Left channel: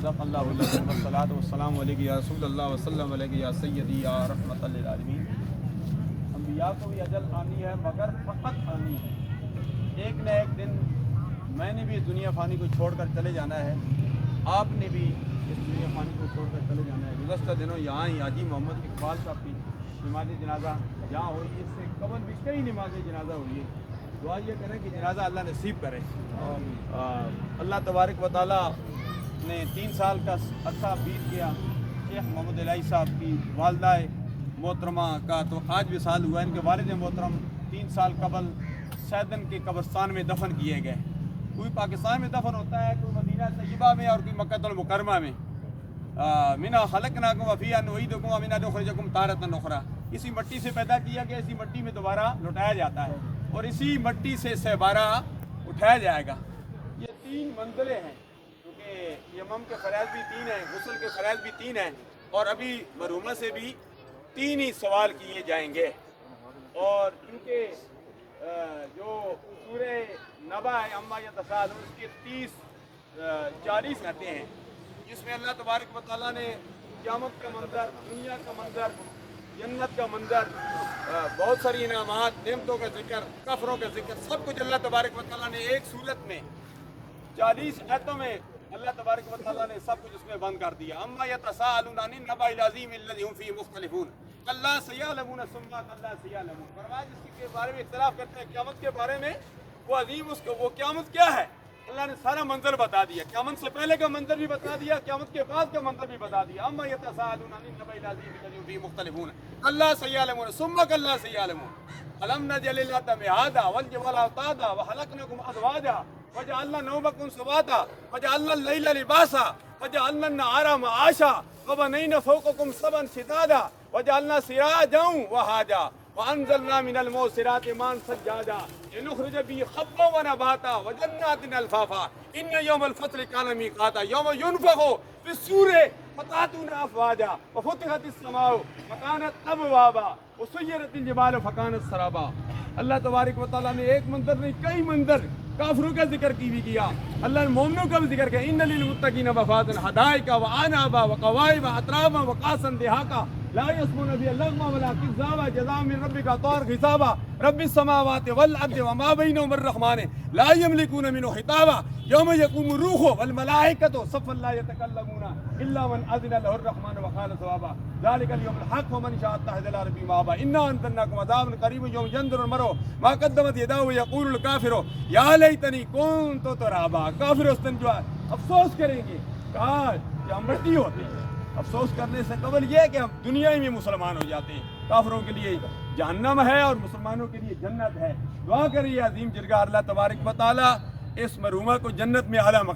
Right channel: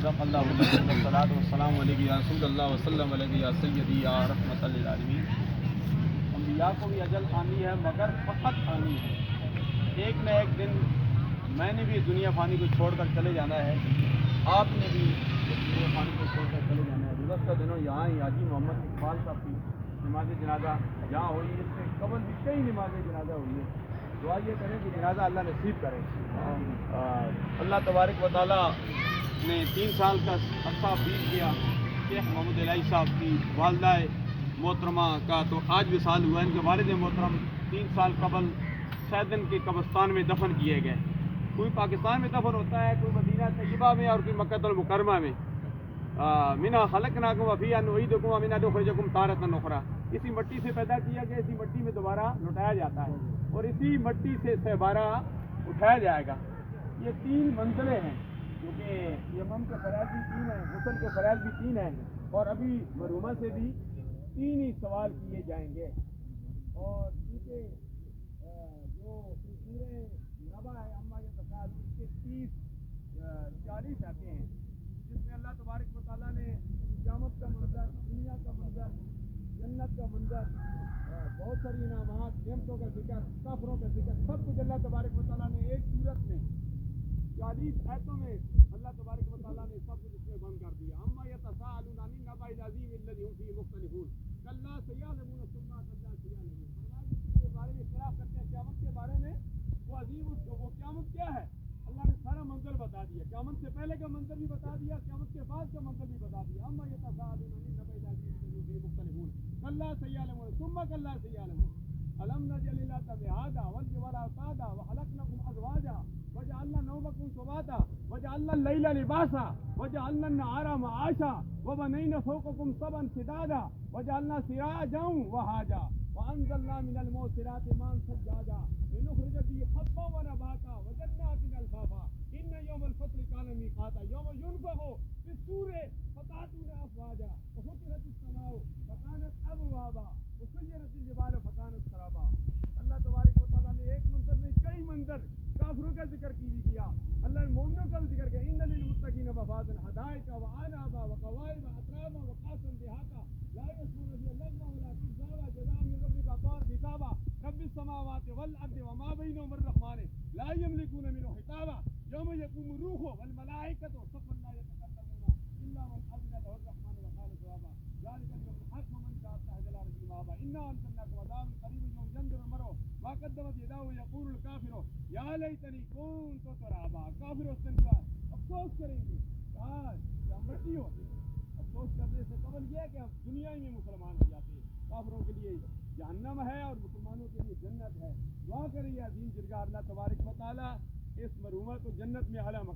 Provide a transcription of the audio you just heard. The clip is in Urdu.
صدق اللہ العظیم والصلاۃ والسلام علیک یا رسول اللہ وسلم علیک یا سیدی یا رحمت للعالمین۔ انبیاء کو بھی اجل آنی ہے مگر فقط آنی ہے، ایک نہ ایک دن میں نے بھی دنیا فانی کو چھوڑ کر چلے جانا ہے، آپ نے بھی اس دنیا فانی کو چھوڑ کر چلے جانا ہے۔ گزشتہ دنوں یہاں ہی حاجی محمد اقبال صاحب کی نماز جنازہ یہاں ہوئی، اس سے قبل بھی کئی نماز جنازہ ہوئی ہے۔ دعا یہ کریں کہ جنازہ اللہ نصیب کرے۔ اللہ تبارک و تعالیٰ نے 3 سال کا عرصہ بیت گیا شیخ محمد الہی صاحب کی والدہ محترمہ کا، تو آج وصال ہوا۔ ان کے والد محترم 3 سال قبل سیدن کے قبرستان میں دفن کیے گئے۔ کوئی پاکستان میں دفن ہوتا ہے، کوئی مدینہ طیبہ میں اور کوئی مکہ المکرمہ میں۔ منا خلقناکم وفیہا نعیدکم ومنہا نخرجکم تارۃ اخری، اسی مٹی سے پیدا کیا گیا، اسی مٹی میں دوبارہ لوٹایا جاتا ہے اور اسی مٹی سے سہبارہ اٹھایا جائے گا۔ یہ 3 منزلیں ہیں، کیونکہ یمم کے فرائض بھی 3 ہیں، غسل کے فرائض بھی 3 ہیں، اور ابھی مرحومہ سے بھی 3 ہی سوال کیے جائیں گے۔ اور کیونکہ جو سورہ نبا ہے اما یتساءلون، اس کے 40 آتے ہیں، جس میں اللہ تبارک و تعالیٰ نے قیامت کا منظر، دنیا کا منظر، جنت کا منظر، بہت ساری انعامات، نعمتوں کا ذکر، کفروں کا ذکر، سب کچھ اللہ تبارک و تعالیٰ نے ایک صورت میں 40 آیتوں میں اللہ تبارک و تعالیٰ نے سب کچھ اس میں بند کر دیا۔ اما یتساءلون عن النبأ العظیم الذی هم فیہ مختلفون کلا سیعلمون ثم کلا سیعلمون۔ فرمایا جس کے بارے میں اختلاف کرتے ہیں قیامت کے بارے میں، وہ عظیم اس کو، وہ قیامت کیا ہے، اللہ نے سارا منظر بتا دیا، قیامت سے پہلے کا منظر بھی بتا دیا، قیامت کے بعد کا منظر بھی بتا دیا۔ اما یتساءلون عن النبأ العظیم الذی هم فیہ مختلفون کلا سیعلمون ثم کلا سیعلمون الم نجعل الارض مہادا والجبال اوتادا وخلقناکم ازواجا وجعلنا نومکم سباتا وجعلنا اللیل لباسا وجعلنا النہار معاشا وبنینا فوقکم سبعا شدادا وجعلنا سراجا وہاجا وانزلنا من المعصرات ماء ثجاجا لنخرج به حبا ونباتا وجنات الفافا ان یوم الفصل کان میقاتا یوم ينفخ في الصور فتأتون افواجا وفتحت السماء فكانت ابوابا وسيرت الجبال فكانت سرابا۔ اللہ تبارک و تعالیٰ نے ایک منظر نہیں، کئی منظر کافروں کا ذکر کی بھی کیا، اللہ نے مومنوں کا بھی ذکر کیا۔ ان للمتقین مفازا حدائق وعنابا وقوائب اترابا وقاسا دہاقا لا يسمعون فيها اللغوا ولا كذابا جزاء من ربك عطاء حسابا رب السماوات والارض وما بينهما الرحمن لا يملكون منه خطابا يوم يقوم الروح والملائكة صفا لا يتكلمون الا من اذن له الرحمن وقال صوابا ذلك اليوم الحق ومن شاء اتخذ الى ربه مآبا انا انذرناكم عذابا قريبا يوم ينظر المرء ما قدمت يداه ويقول الكافر يا ليتني كنت ترابا۔ کافر اس دن جو ہے افسوس کریں گے، کاش کہ ہم مٹی ہوتے ہیں۔ افسوس کرنے سے قبل یہ ہے کہ ہم دنیا میں مسلمان ہو جاتے ہیں۔ کافروں کے لیے جہنم ہے اور مسلمانوں کے لیے جنت ہے۔ دعا کریے عظیم جرگہ اللہ تبارک و تعالیٰ اس مرحومہ کو جنت میں اعلیٰ